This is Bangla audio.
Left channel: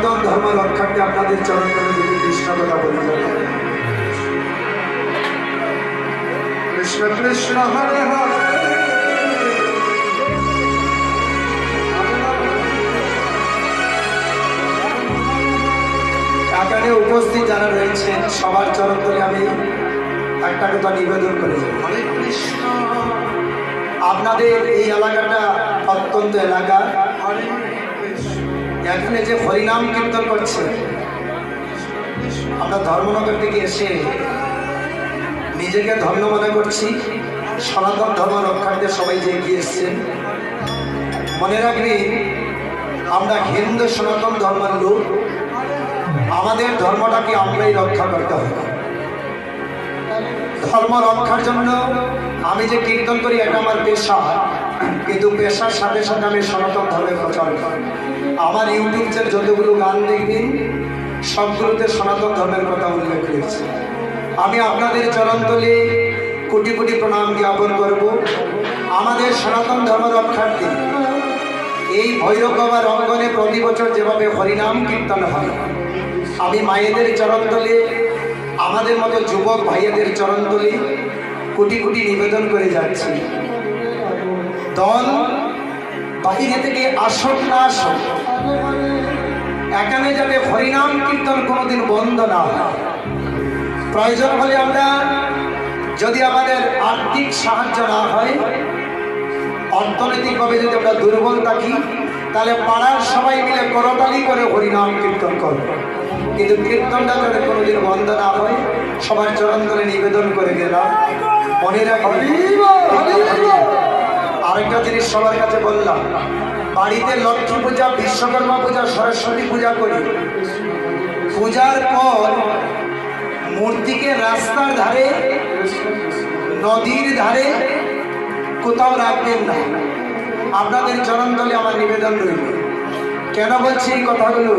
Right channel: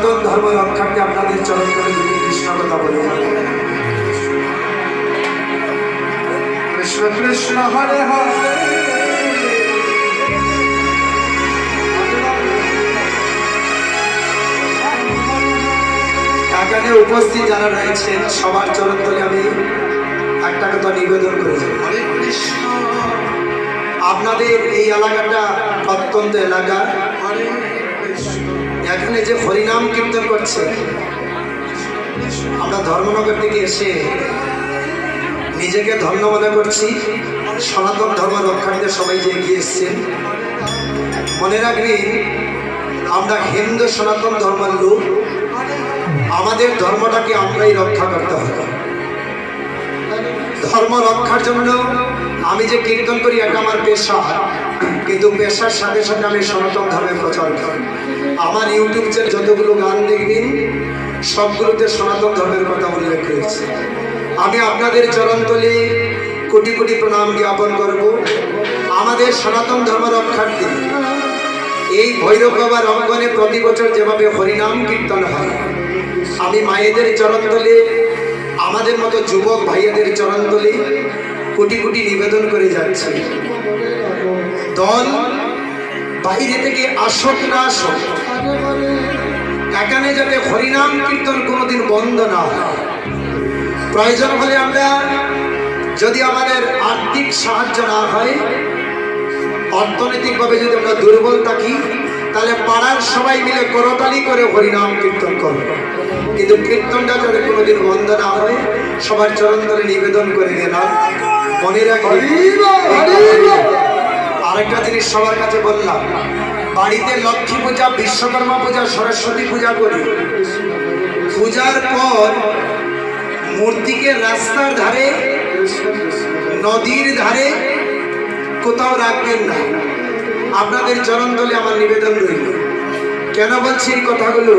সনাতন ধর্ম রক্ষার্থে আপনাদের চরণ করে দুটি কৃষ্ণ কথা বলি। কৃষ্ণ কৃষ্ণ হরে হরে। এখানে উপস্থিত যারা রয়েছেন সবার চরণ করে আমি একটা কথা নিবেদন করি। হরে কৃষ্ণ। আপনাদের এই এলাকাটা অত্যন্ত এলাকা, এখানে যে হরিনাম কীর্তন করছে, আমরা ধর্মনগর থেকে এসে নিজেকে ধন্য মনে করছি। সনাতন ধর্ম রক্ষার্থে সবাই যে এগিয়ে এসছেন, মনে রাখবেন আমরা হিন্দু সনাতন ধর্মের লোক, আমাদের ধর্মটাকে আমরাই রক্ষা করতে হবে। ধর্ম রক্ষার জন্য আমি যে কীর্তন করি এটা আমার পেশা, কিন্তু পেশার সাথে সাথে আমি সনাতন ধর্মের প্রচার করি। আমার ইউটিউব চ্যানেল যতগুলো গান দেখবেন সবগুলোতে সনাতন ধর্মের কথা উল্লেখ রয়েছে। আমি আপনাদের চরণতলে কোটি কোটি প্রণাম জ্ঞাপন করব। আমাদের সনাতন ধর্ম রক্ষার্থে এই ভৈরব বাবার অঙ্গনে প্রতি বছর যেভাবে হরিনাম কীর্তন হয়, আমি মায়েদের চরণতলে, আমাদের মতো যুবক ভাইয়েদের চরণতলে কোটি কোটি নিবেদন করে যাচ্ছি। দল বাইরে থেকে আসুক না আসুক, এখানে যাতে হরিনাম কীর্তন কোনোদিন বন্ধ না হয়। প্রয়োজন হলে আমরা, যদি আমাদের আর্থিক সাহায্য না হয়, অর্থনৈতিকভাবে যদি আমরা দুর্বল থাকি, তাহলে পাড়ার সবাই মিলে করতালি করে হরিনাম কীর্তন করব, কিন্তু কীর্তনটা যাতে কোনোদিন বন্ধ না হয় সবার চরণ ধরে নিবেদন করে গেলাম। মনে রাখি আরেকটা জিনিস সবার কাছে বললাম, বাড়িতে লক্ষ্মী পূজা, বিশ্বকর্মা পূজা, সরস্বতী পূজা করি, পূজার পর মূর্তিকে রাস্তার ধারে, নদীর ধারে কোথাও রাখবেন না। আপনাদের চরণ তলে আমার নিবেদন রইল। কেন বলছি এই কথাগুলো?